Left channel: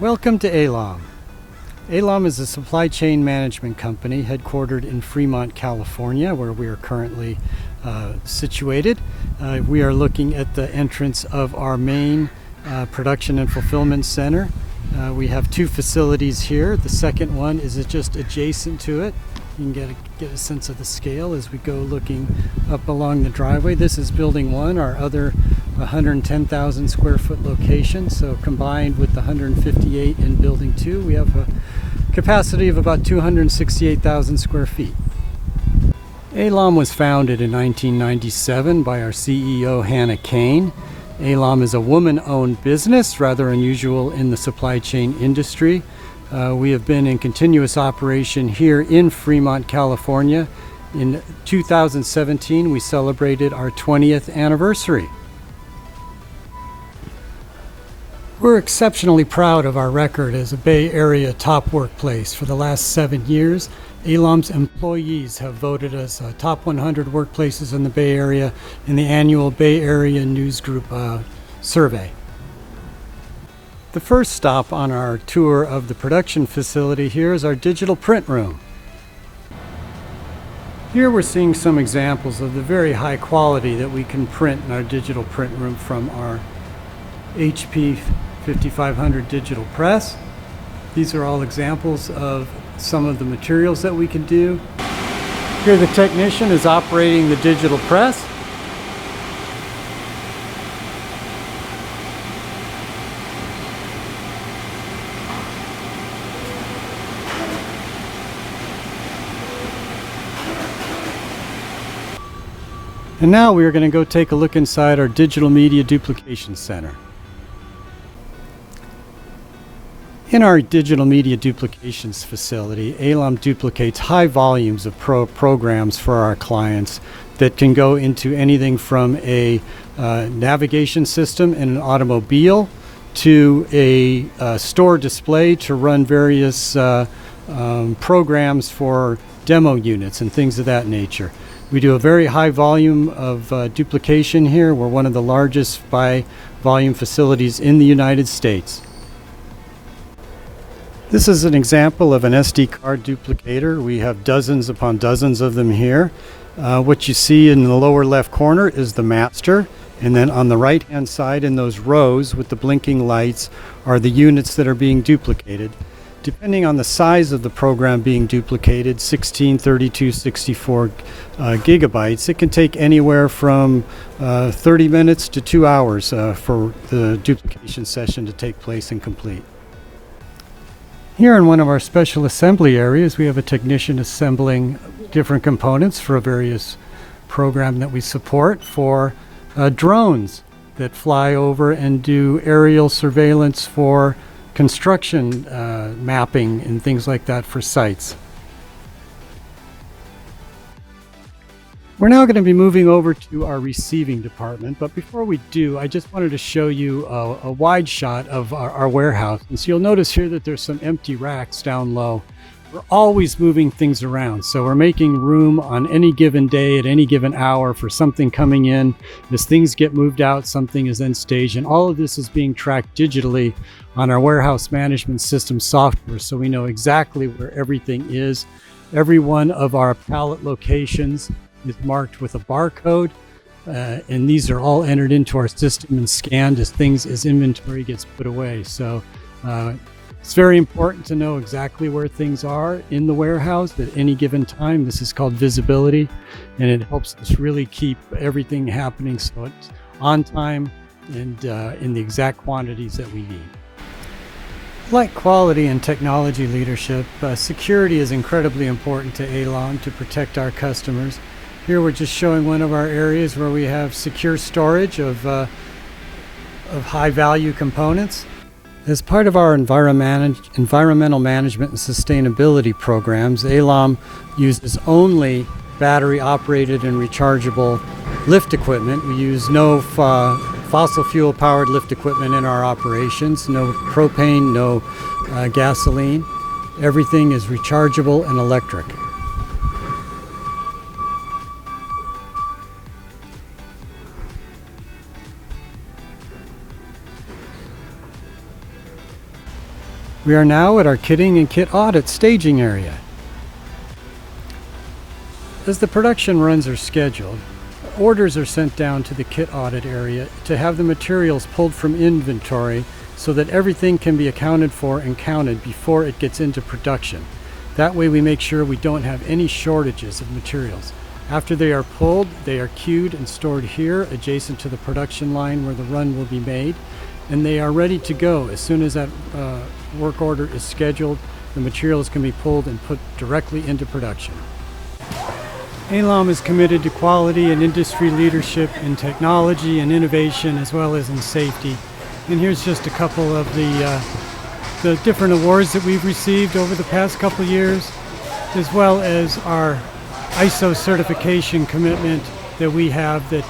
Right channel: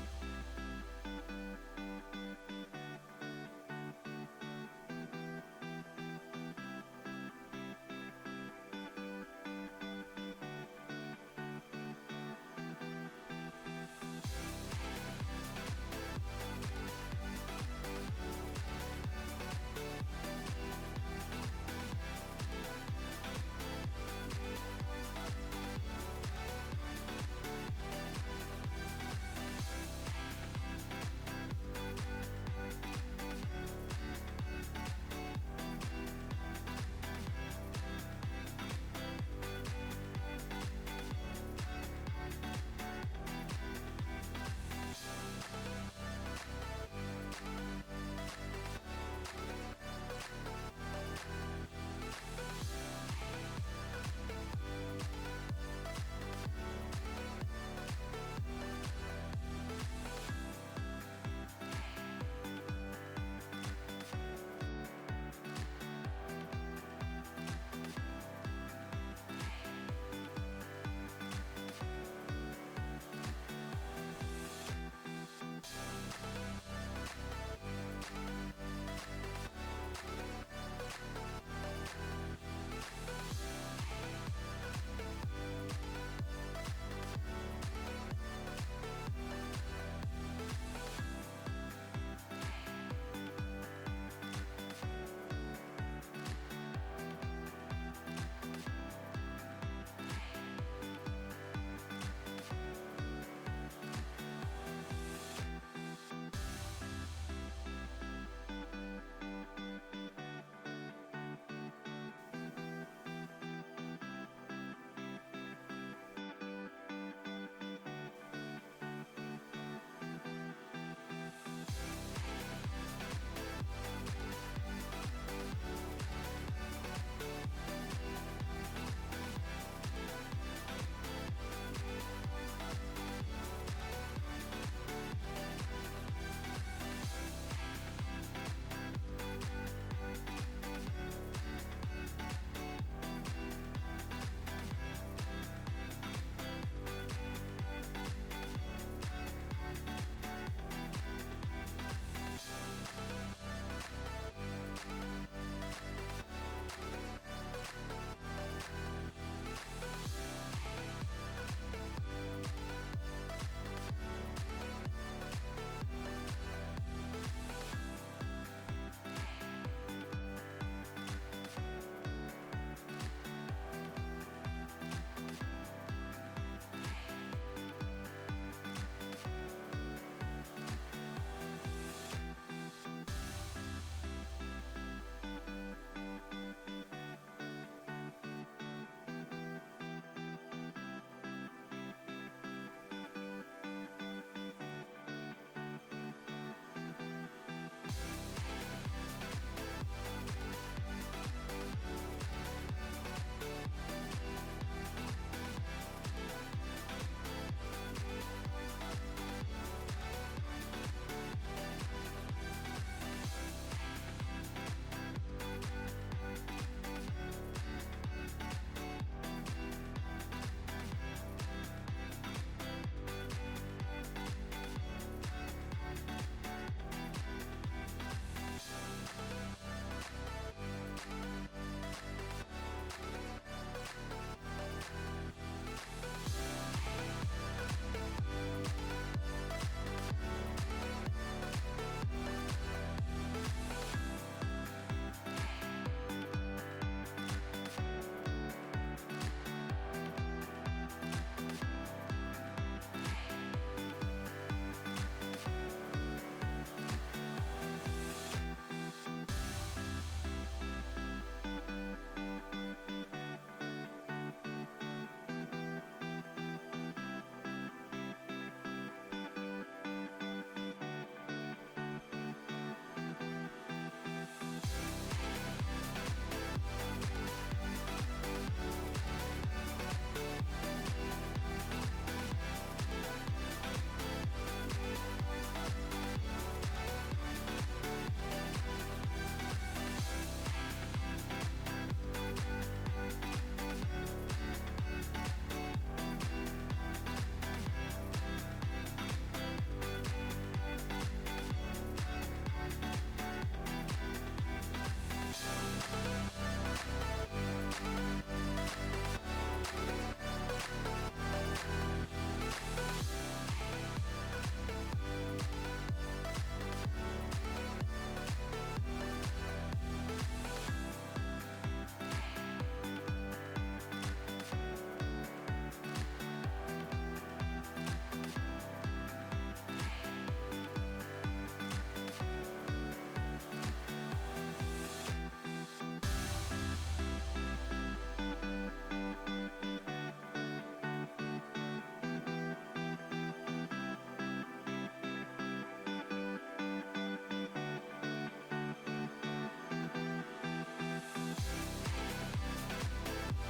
Welcome to ALOM. ALOM is a supply chain management company headquartered in Fremont, California, where we are currently situated. We are looking at the entrance of our main production and fulfillment center. We have two facilities here. The second one is just adjacent to it. You can get a sense of the scale as we go looking up along the driveway. This is building one, our other 110,000 square foot location. So combined with the 158 in building two, we have a capacity of about 268,000 square feet. ALOM was founded in 1997 by our CEO, Hannah Kane. ALOM is a woman-owned business, rather unusual in the supply chain industry. We have been in continuous operation here in Fremont, California. In 2017, we celebrated our 20th anniversary. We're exceptionally proud of our record as a Bay Area top workplace. For the last 7 years, ALOM's employees have voted us top 100 workplaces in the Bay Area in the annual Bay Area News Group survey. The first stop on our tour of the production facility here is our digital print room. Here we're seeing some examples of the very high quality that we can print in our digital print room from our HP 5500 digital press. These are all examples of some of the materials that we can do. Here the technician is operating the digital press. And now we are going to go take a look inside our digital media duplication center. In our digital media duplications facility, ALOM duplicates high volumes of programs for our clients that can go into anything from a navigation system in an automobile to a store display to run various programs for demo units and things of that nature. We do a very high volume of duplication here. We're one of the largest by volume facilities in the United States. This is an example of an SD card duplicator. We have dozens upon dozens of them here. What you see in the lower left corner is the master, and then on the right hand side in those rows with the blinking lights are the units that are being duplicated. Depending on the size of the program being duplicated, 16, 32, 64 gigabytes, it can take anywhere from 30 minutes to 2 hours for the duplication session to take place and complete. Here in one of our special assembly areas, we have a technician assembling different components for a various program that we support for drones that fly over and do aerial surveillance for construction mapping and things like that for sites. We're now going to be moving over to our receiving department, but before we do, I just wanted to show you a wide shot of our warehouse. And so you'll notice here that there's some empty racks down low. We're always moving things around, so we're making room on any given day at any given hour for something coming in. As things get moved out, something is then staged, and all of this is being tracked digitally on our warehouse management system software, so we know exactly where everything is. Every one of our pallet locations is marked with a barcode, and these are all entered into our system and scanned as inventory gets put away. So it's very important to know exactly where things are in the warehouse at any given time. This is called visibility, and it helps us really keep everything happening so it's on time and in the exact quantities that we need. Like quality and technology leadership, security is incredibly important to ALOM to protect our customers. Here we're just showing one of our areas where we have secure storage of high value components. As part of our environmental management and sustainability programs, ALOM uses only battery operated and rechargeable lift equipment. We use no fossil fuel powered lift equipment in our operations, no propane, no gasoline. Everything is rechargeable and electric. We are now at our kitting and kit audit staging area. As the production runs are scheduled, orders are sent down to the kit audit area to have the materials pulled from inventory so that everything can be accounted for and counted before it gets into production. That way we make sure we don't have any shortages of materials. After they are pulled, they are queued and stored here adjacent to the production line where the run will be made, and they are ready to go. As soon as that work order is scheduled, the materials can be pulled and put directly into production. ALOM is committed to quality and industry leadership in technology and innovation as well as in safety. And here's just a couple of the different awards that we've received over the past couple of years, as well as our ISO certification commitment that we have that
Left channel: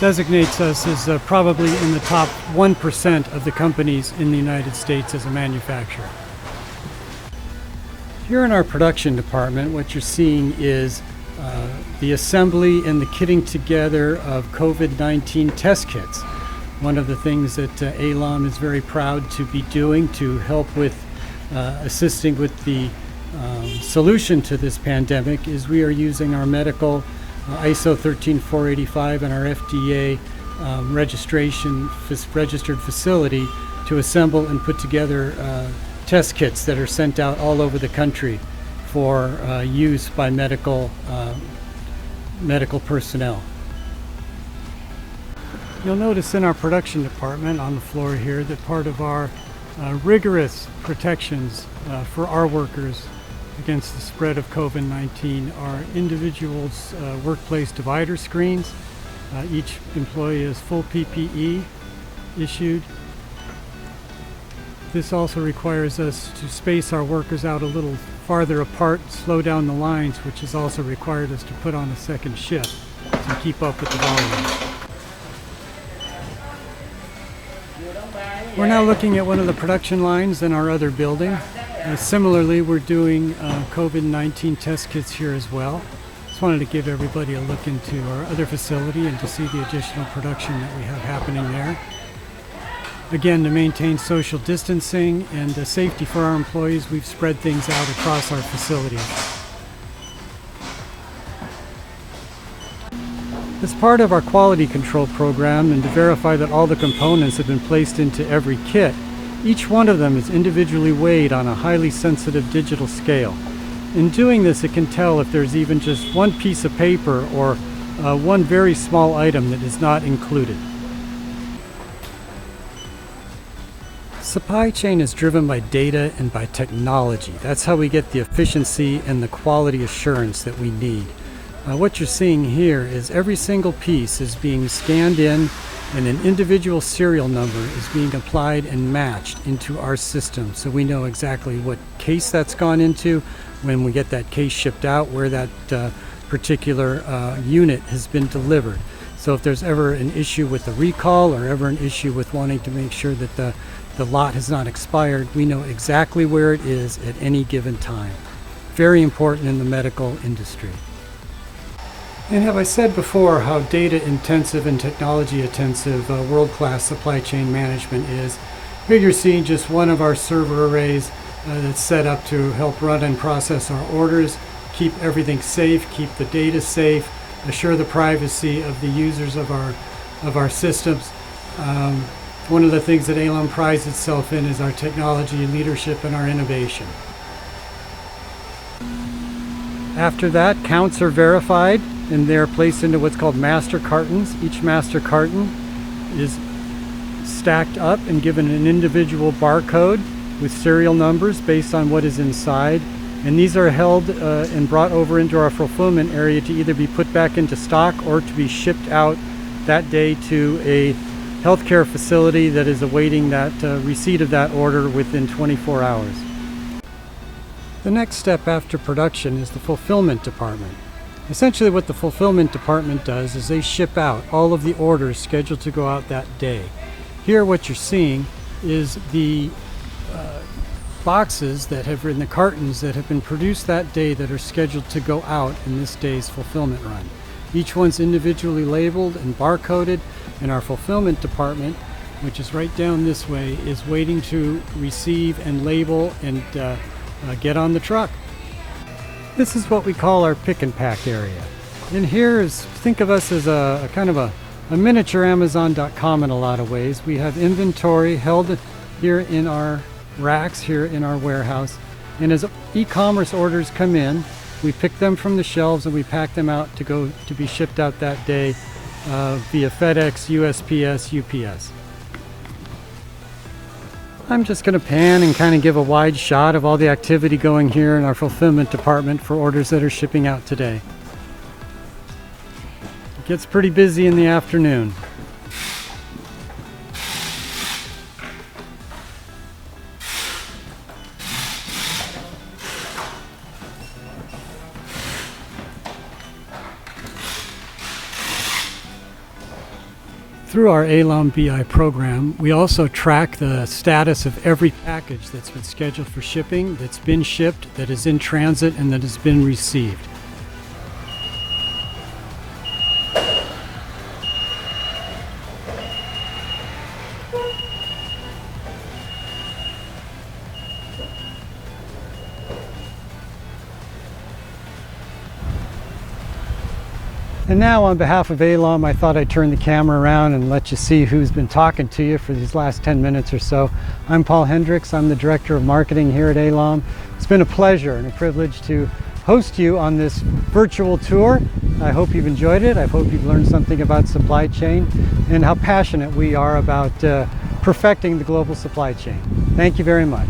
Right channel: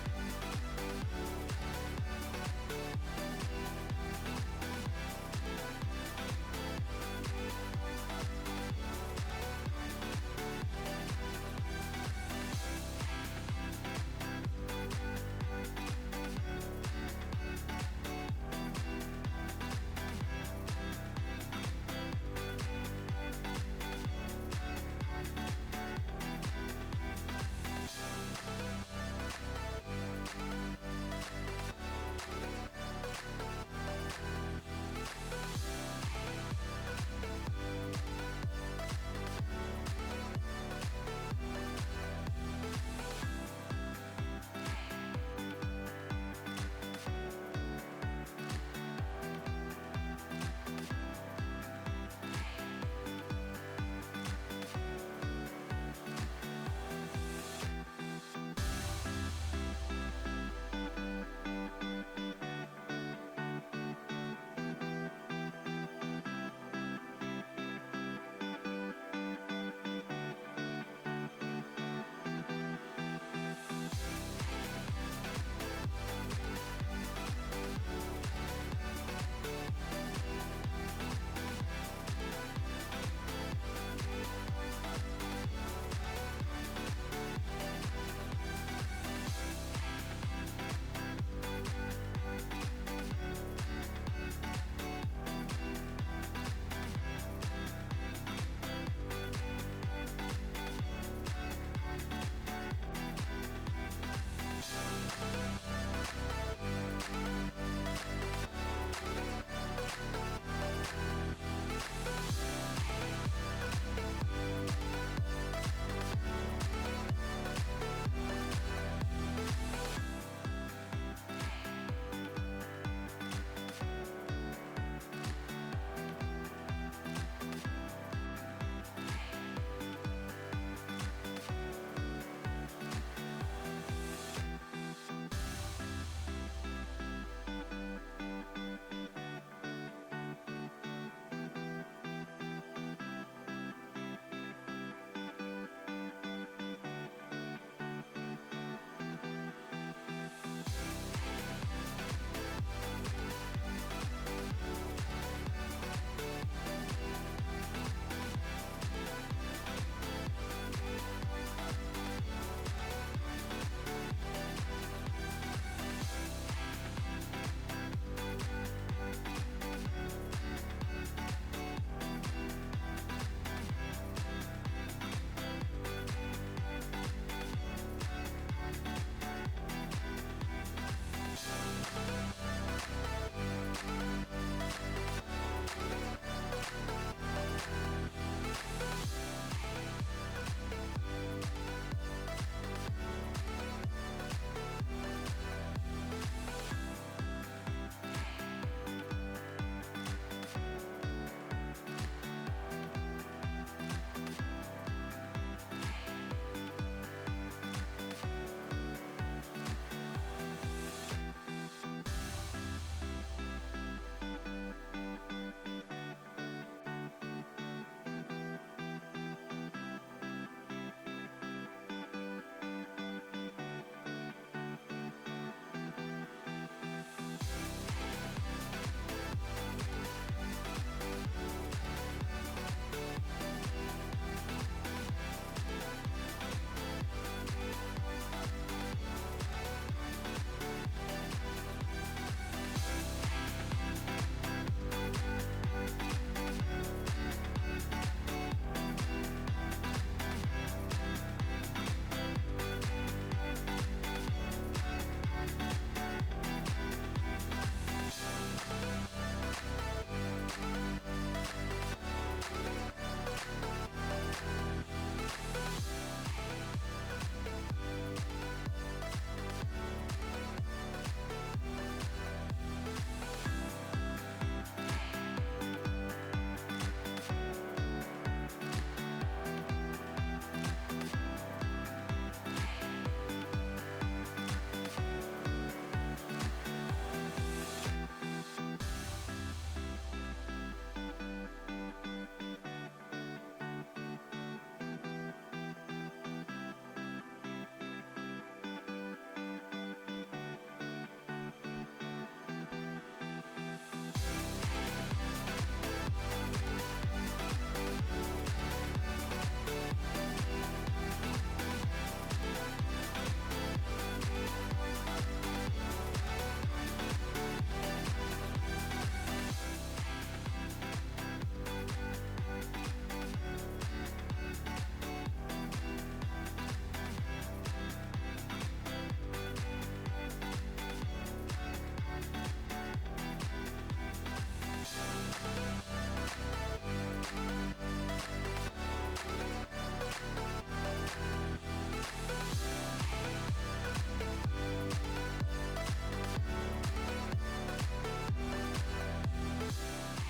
designates us as probably in the top 1% of the companies in the United States as a manufacturer. Here in our production department, what you're seeing is the assembly and the kitting together of COVID-19 test kits. One of the things that ALOM is very proud to be doing to help with assisting with the solution to this pandemic is we are using our medical ISO 13485 and our FDA registered facility to assemble and put together test kits that are sent out all over the country for use by medical personnel. You'll notice in our production department on the floor here that part of our rigorous protections for our workers against the spread of COVID-19 are individuals' workplace divider screens. Each employee has full PPE issued. This also requires us to space our workers out a little farther apart, slow down the lines, which has also required us to put on a second shift to keep up with the volume. We're now looking at one of the production lines in our other building. Similarly, we're doing COVID-19 test kits here as well. Just wanted to give everybody a look into our other facility and to see the additional production that we have happening there. Again, to maintain social distancing and safety for our employees, we've spread things out across our facilities. As part of our quality control program and to verify that all the components have been placed into every kit, each one of them is individually weighed on a highly sensitive digital scale. In doing this, it can tell if there's even just one piece of paper or one very small item that is not included. Supply chain is driven by data and by technology. That's how we get the efficiency and the quality assurance that we need. What you're seeing here is every single piece is being scanned in and an individual serial number is being applied and matched into our system so we know exactly what case that's gone into, when we get that case shipped out, where that particular unit has been delivered. So if there's ever an issue with the recall or ever an issue with wanting to make sure that the lot has not expired, we know exactly where it is at any given time. Very important in the medical industry. And have I said before how data intensive and technology intensive world-class supply chain management is? Here you're seeing just one of our server arrays that's set up to help run and process our orders, keep everything safe, keep the data safe, assure the privacy of the users of our systems. One of the things that ALOM prides itself in is our technology leadership and our innovation. After that, counts are verified and they're placed into what's called master cartons. Each master carton is stacked up and given an individual barcode with serial numbers based on what is inside. And these are held and brought over into our fulfillment area to either be put back into stock or to be shipped out that day to a healthcare facility that is awaiting that receipt of that order within 24 hours. The next step after production is the fulfillment department. Essentially what the fulfillment department does is they ship out all of the orders scheduled to go out that day. Here what you're seeing is the boxes that have in the cartons that have been produced that day that are scheduled to go out in this day's fulfillment run. Each one's individually labeled and barcoded, and our fulfillment department which is right down this way, is waiting to receive and label and get on the truck. This is what we call our pick and pack area. And here is, think of us as a kind of a miniature Amazon.com in a lot of ways. We have inventory held here in our racks here in our warehouse. And as e-commerce orders come in, we pick them from the shelves and we pack them out to be shipped out that day via FedEx, USPS, UPS. I'm just going to pan and kind of give a wide shot of all the activity going here in our fulfillment department for orders that are shipping out today. It gets pretty busy in the afternoon. Through our ALOM BI program, we also track the status of every package that's been scheduled for shipping, that's been shipped, that is in transit, and that has been received. And now, on behalf of ALOM, I thought I'd turn the camera around and let you see who's been talking to you for these last 10 minutes or so. I'm Paul Hendricks. I'm the Director of Marketing here at ALOM. It's been a pleasure and a privilege to host you on this virtual tour. I hope you've enjoyed it. I hope you've learned something about supply chain and how passionate we are about perfecting the global supply chain. Thank you very much.